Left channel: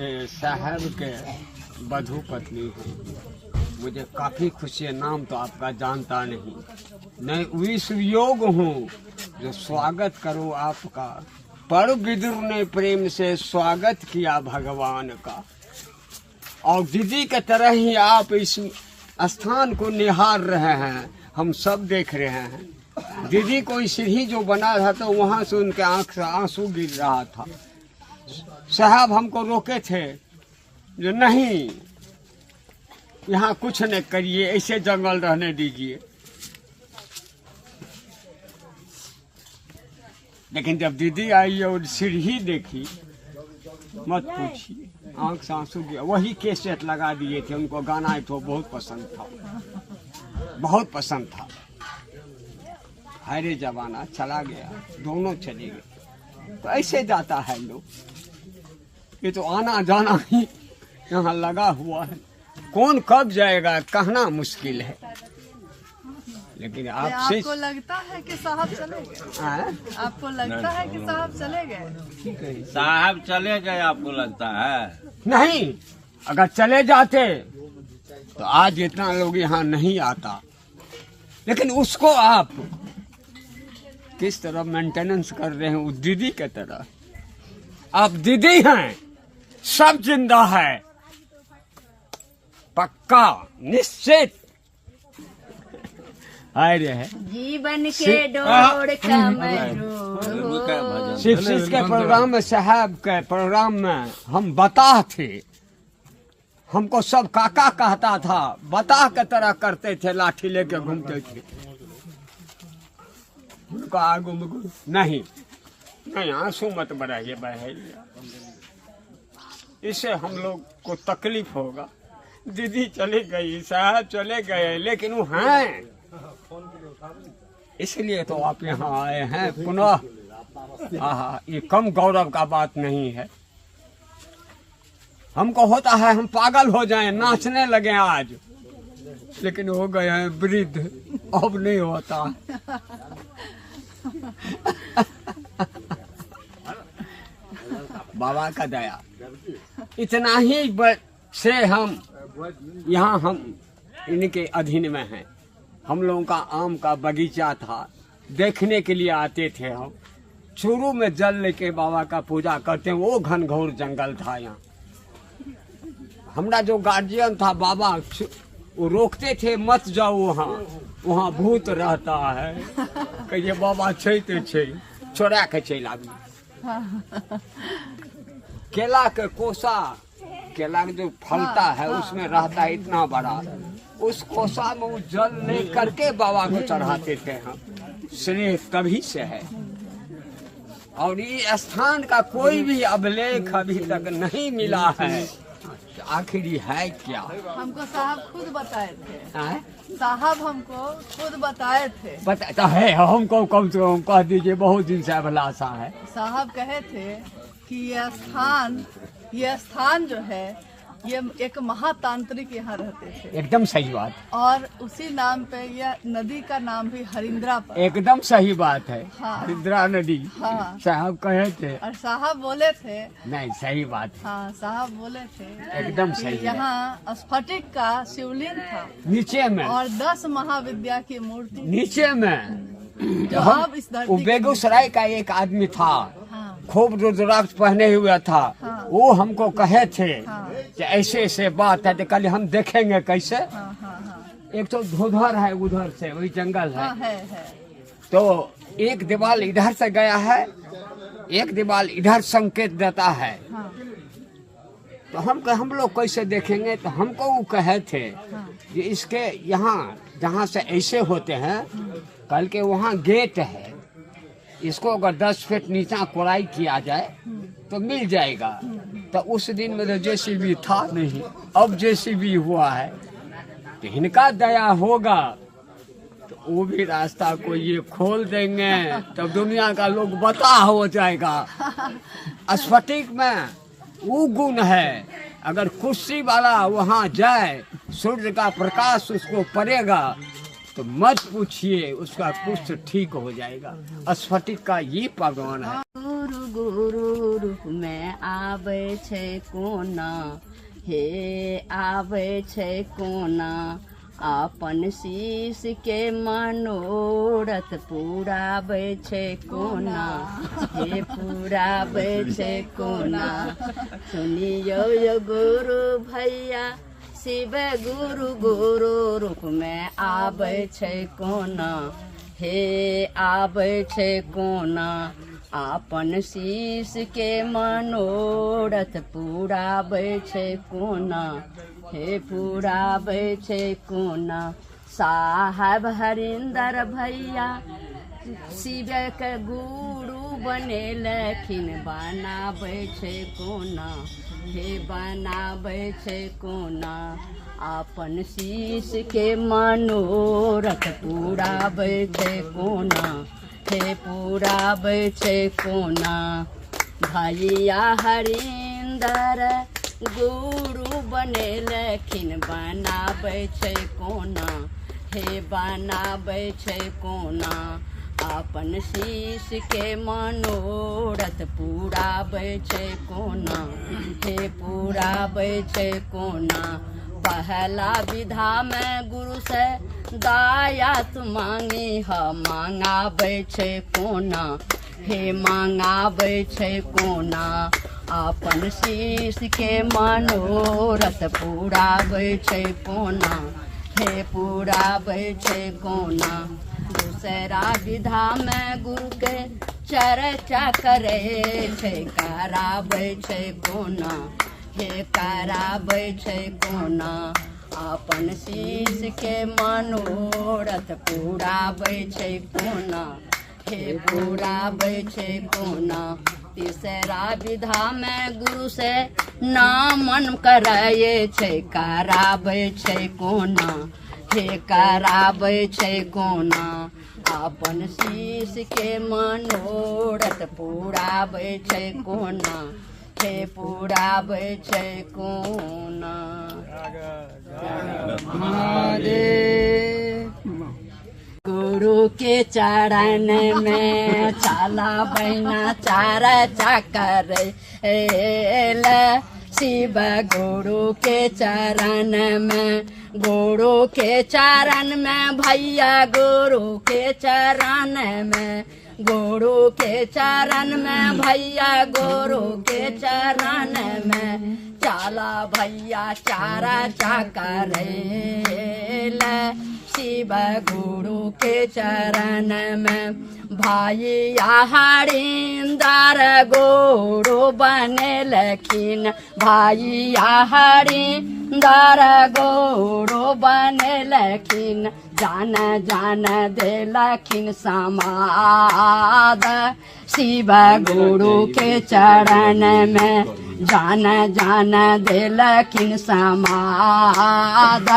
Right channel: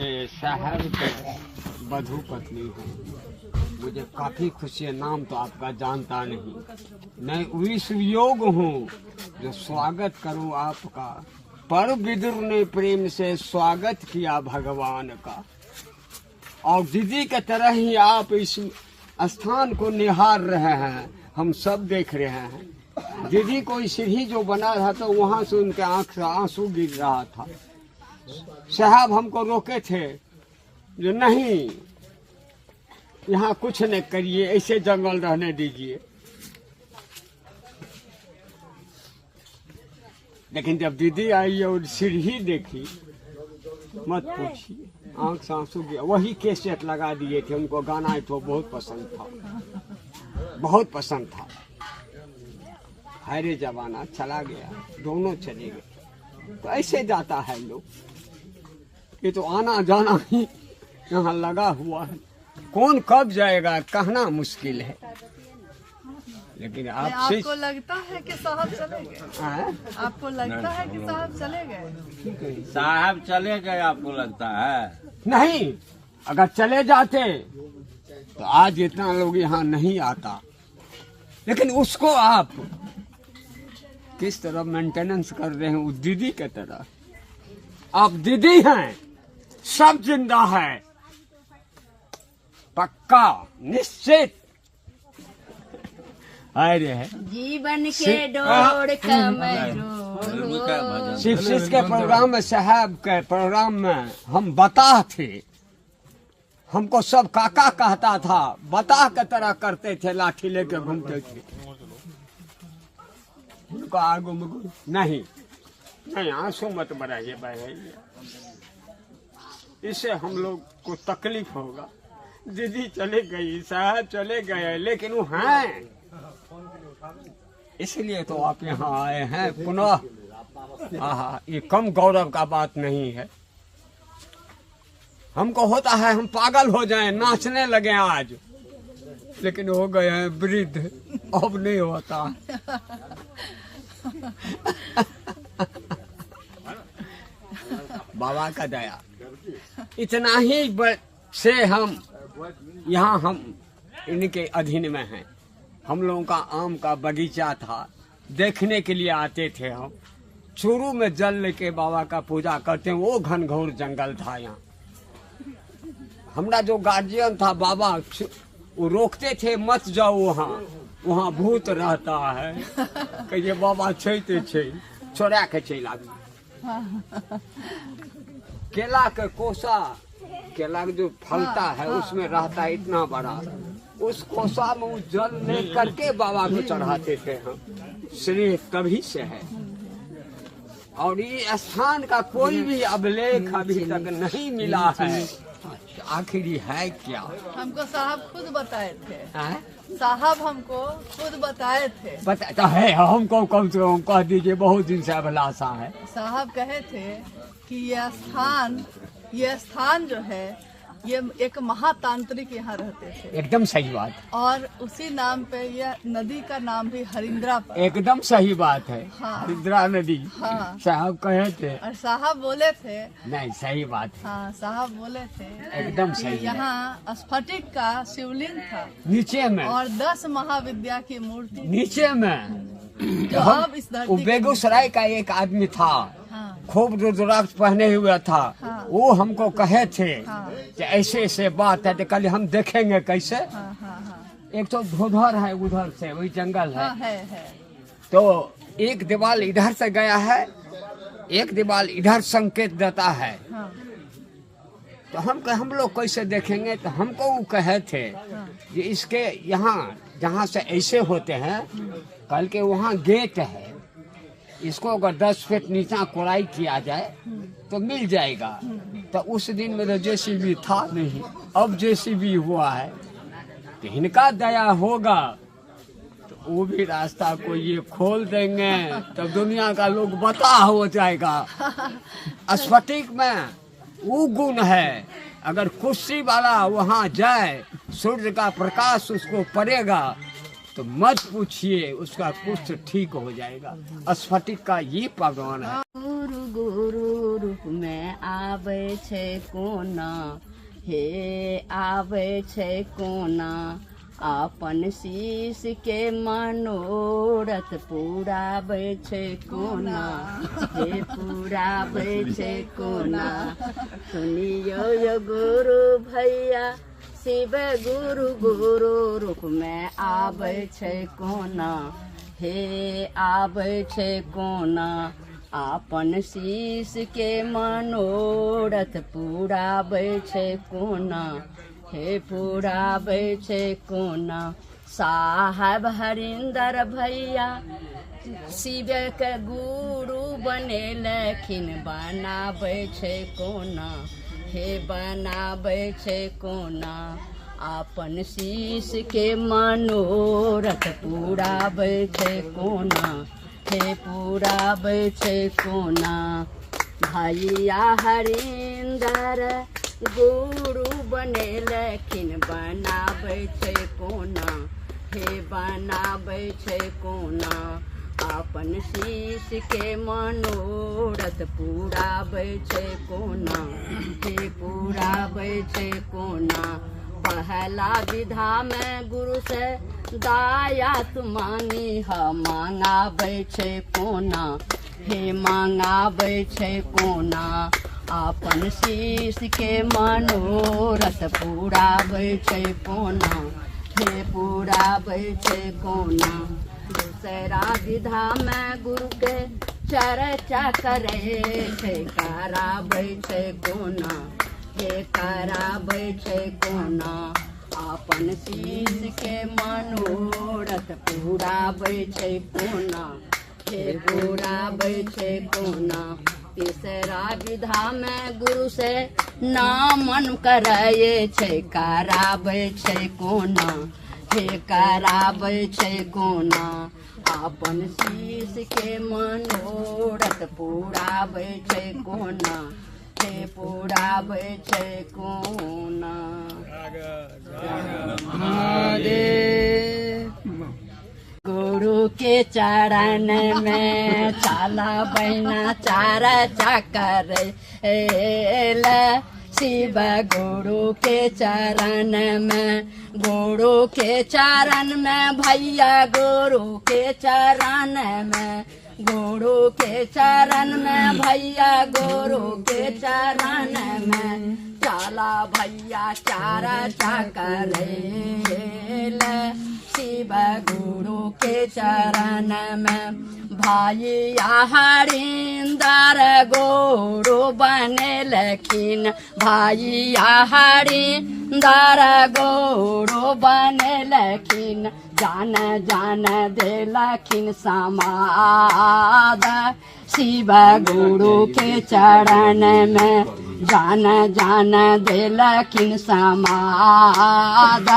साहब के बधू पत्नी हूँ। मुझे काफ़ी खुशी है, नाम तो आपका जानता नहीं। मैं विश्व योग हूँ जो स्वागत करूँ आपका। पर विदुर ने प्रेम से स्वागत किया भगवान का, और दीदी के तरह ही आप इस स्थान को निहार रहे हैं, हम सब देख रहे हैं। दीदी कोई सीढ़ी जो बना रहा था वहाँ से उनके आंख से आंसू गिर रहा था। साहब हमको रोके थे जो नहीं, यहाँ कुछ न करिए, ऐसे जंगल रहने दीजिए। लेकिन जब दीदी आई और सीढ़ी देखी, मत पूछिए, आंख से आंसू गया। वही कैसेट लगा दिए थे, उनको गाना तो बहुत पसंद था, बहुत पसंद था। हरे जमाना चला गया, दोनों चले गए। तो ऐसे जाता है लोग, ये तो आना जाना ही यहाँ लगा हुआ है। कौन कब जाएगा कहना मुश्किल है। लेकिन आपसे आपको लगता है कि साहब चले गए? आपको लगता है कि साहब चले गए? साहब चले गए आपको लगता है? नहीं, अगर चले जाते तो आज इतना लोग यहाँ नहीं आता। लेकिन उसको आप किस तरह मेंटेनेंस कर रहे हैं, उस दीदी के तरह। आप दीदी हैं, सब जिंदा है, पक्का निश्चित। अरे है जीवन के डोर शिव के प्रोग्राम में, साहब के प्रोग्राम में हम बता थे। हमको सब काका कहता था, बता के तरह करते थे, लाठी लेके घूमते थे। उनको आगू में नहीं नहीं, आंसू मत बढ़ाइए बहैया, इससे हम लोग को तकलीफ होगा। दीदी चले गई, साहब चले गए, लेकिन वो हैं, इसलिए तो आप यहाँ आए हैं पुनः। आहा, ये कम गौरव का बात नहीं है। हमको होता है हम पागल हो जाएं, नाचने लगे आज, लेकिन हो गए हैं वृद्ध, अब नहीं होता। बाबा का दया, इतना ही से हम यहाँ हम इनके अधीन में हैं। हम लोगों का आम का बगीचा था, देखने के लिए आते थे हम। चूरू में जल लेके बाबा का पूजा करते हैं, वो घनघोर जंगल था यहाँ। हमारा जो गार्जियन था बाबा, वो रोकते थे, मत जाओ वहाँ, वहाँ भूत रहता है। कहिए बाबा छै तो छै, छोड़ा के चला। केला के कोसा, केला जो फलता है उसमें रहता है इतना बड़ा, उस कोसा में वो जल ले करके बाबा को चढ़ाते थे हम। श्रेय तभी से है। और ये स्थान का कोई भी अभिलेख अभी तक नहीं मिला है। तो आखिर है क्या? हमको साहब खुद बताए थे। साहब हमको खुद बताए थे। बताता है हमको, कम से कम कह दीजिए, बहुत दिन से अभिलाषा है। साहब कहे थे कि यह स्थान जो है, ये एक महातांत्रिक यहाँ रहते थे। एकदम सही बात। और उसी नाम पे यह नदी का नाम भी हरिंद्रा पर। एकदम सही बात है। हाँ। हरिंद्रा नदी। हाँ। साहब कहे थे। और साहब बोले थे। नहीं, सही बात है। हाँ, साहब बोले थे एकदम सही। यहाँ स्फटिक का शिवलिंग था नीचे में, और 10 महाविद्या की मूर्ति नीचे में। जो अब इस धरती वो बेगूसराय का एक आदमी था, खूब रुद्राक्ष पहने हुए था। हाँ। वो हमको कहे थे हाँ। कि ऐसे ऐसे बात है, तो कल हम देखेंगे कैसे। हाँ, हाँ, हाँ। एक तो धोधर है उधर से, वही जंगल है। हाँ, है। तो एक दीवार इधर से गया है, एक दीवार इधर संकेत देता है। हाँ। तो हम लोग कैसे देखेंगे? तो हमको वो कहे थे कि इसके यहाँ जहाँ से ऐसे होते हैं, कल के वहाँ गेट है, इसको अगर 10 फीट नीचा कोड़ाई किया जाए तो मिल जाएगा। तो उस दिन में तो जेसीबी था नहीं, अब जेसीबी हुआ है। तो इनका दया होगा तो वो भी रास्ता को ये खोल देंगे, तब दुनिया का लोग बता हो जाएगा। स्फटिक में वो गुण है, अगर कुर्सी वाला वहाँ जाए, सूर्य का प्रकाश उसको पड़ेगा तो मत पूछिए, उसका कुछ ठीक हो जाएगा। स्फटिक का ये पावन है। गुरु गुरु रूप में आवे छे कोना, हे आवे छे कोना, अपन शीश के मनोरथ पुरावे छे कोना, हे पुरावे छे कोना। सुनियो यो गुरु भैया, शिव गुरु गुरु रूप में आवे छे कोना, हे आवे छे कोना, आपन शीश के मनोरथ पुरावे छे कोना, हे पुरावे छे कोना। साहब हरिंदर भैया शिव के गुरु बने लखिन, बनावे छे कोना, हे बनावे छे कोना, आपन शीश के मनोरथ पुरावे छे कोना, हे पुरावे छे कोना। भैया हरिंदर गुरु बने लखिन, बनावे छे कोना, हे बनावे छे कोना, आपन शीश के मनोरथ पुरावे छे कोना, हे पुरावे छे कोना। पहला विधा में गुरु से दाया तू मांगी ह, मांगावे छे कोना, हे मांगावे छे कोना, आपन शीश के मनोरथ पुरावे छे कोना, हे पुरावे छे कोना। दूसरा विधा में गुरु के चर्चा करे छे, करावे छे कोना, हे करावे छे कोना, आपन शीश के मनोरथ पुरावे छे कोना, हे पुरावे छे कोना। तीसरा विधा में गुरु से नामन कराये छे, करावे छे कोना, हे करावे छे कोना, आपन शीश के मनोरथ पुरावे छे कोना, हे पुरावे छे कोना। गुरु के चरण में चाला बहना चार चकर, शिव गुरु के चरण में, गुरु के चरण में भैया, गुरु के चरण में, गुरु के चरण में भैया, गुरु के चरण में, चाला भैया चार चकर, शिव गुरु के चरण में। भैया हरिंदर गुरु बने लखिन, भैया हरिंदर गुरु बने लखिन, जान जान दे लखिन समाद, शिव गुरु के चरण में, जान जान दे लखिन समाद,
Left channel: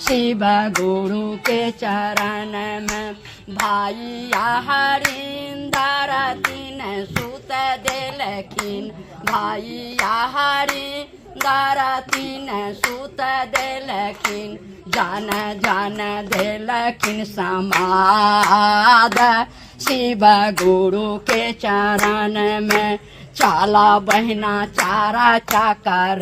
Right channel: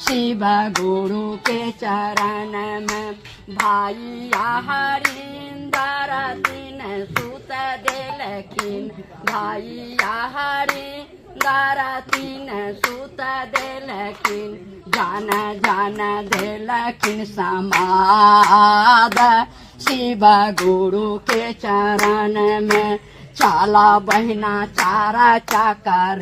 शिव गुरु के चरण में। भैया हरिंदर दिन सूत दे लखिन, भैया हरिंदर दिन सूत दे लखिन, जान जान दे लखिन समाद, शिव गुरु के चरण में। चाला बहना चारा चकर,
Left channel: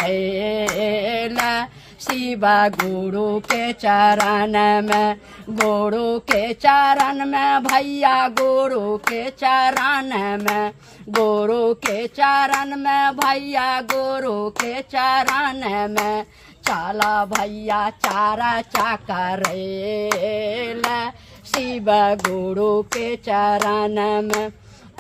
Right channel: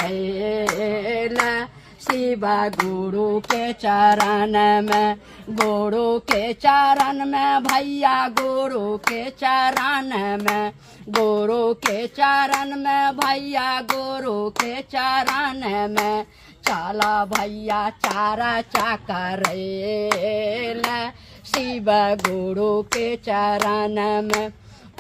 शिव गुरु के चरण में, गुरु के चरण में भैया, गुरु के चरण में, गुरु के चरण में भैया, गुरु के चरण में, चाला भैया चारा चकर, शिव गुरु के चरण में।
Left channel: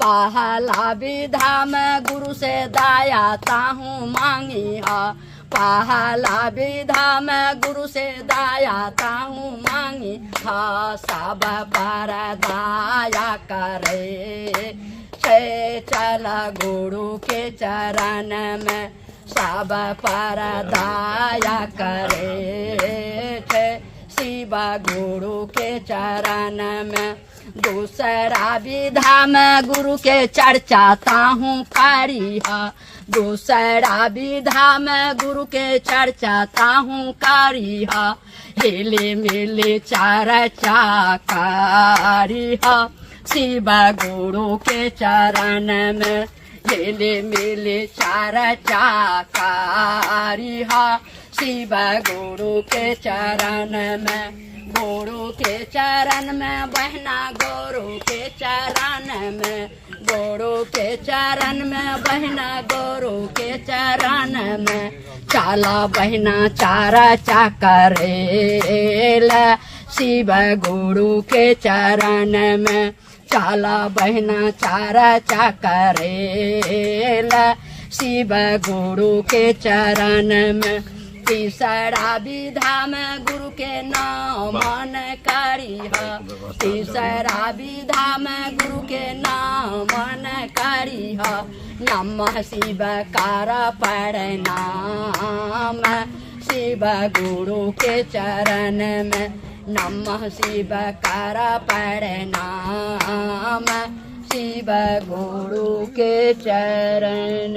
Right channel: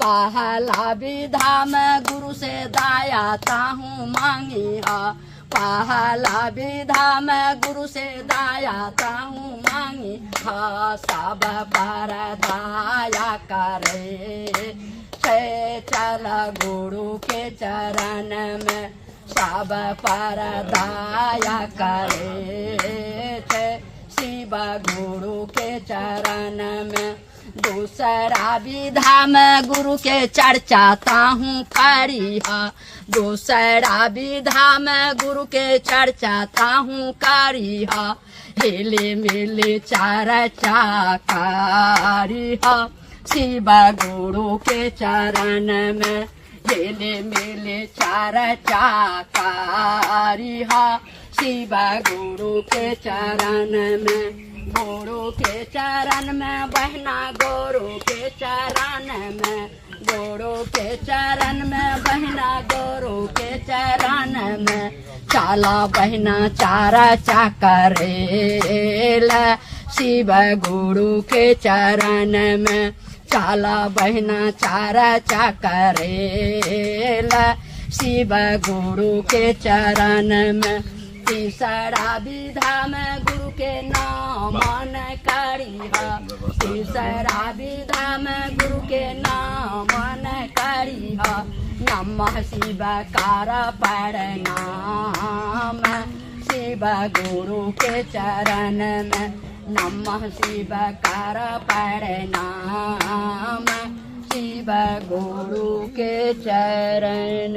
पहला विधा में गुरु से दाया ताहू मांगी है, पहला विधा में गुरु से दाया ताहू मांगी हा, सब पर दाया करे छे, चल गुरु के चरण में, सब पर दाया करे छे, शिव गुरु के चरण में। दूसरा विधा में गुरु के चर्चा ताहू करी है, दूसरा विधा में गुरु के चर्चा ताहू करी है, हिले मिले चार चाकारी हा शिव गुरु के चरण में हिले मिले चार चाकारी हा शिव गुरु के चरण में गुरु के चरण में बहना गुरु के चरण में गुरु के चरण में बहना गुरु के चरण में चाला बहना चारा चाकरेला शिव गुरु के चरण में चाला बहना चारा चाकरेला शिव गुरु के चरण में तीसरा विधा में गुरु के नाम मन करिहा तीसरा विधा में गुरु के नाम मन करिहा नमः शिवकार प्रणाम शिव गुरु के चरण में नमः शिवकार प्रणाम शिव गुरु के चरण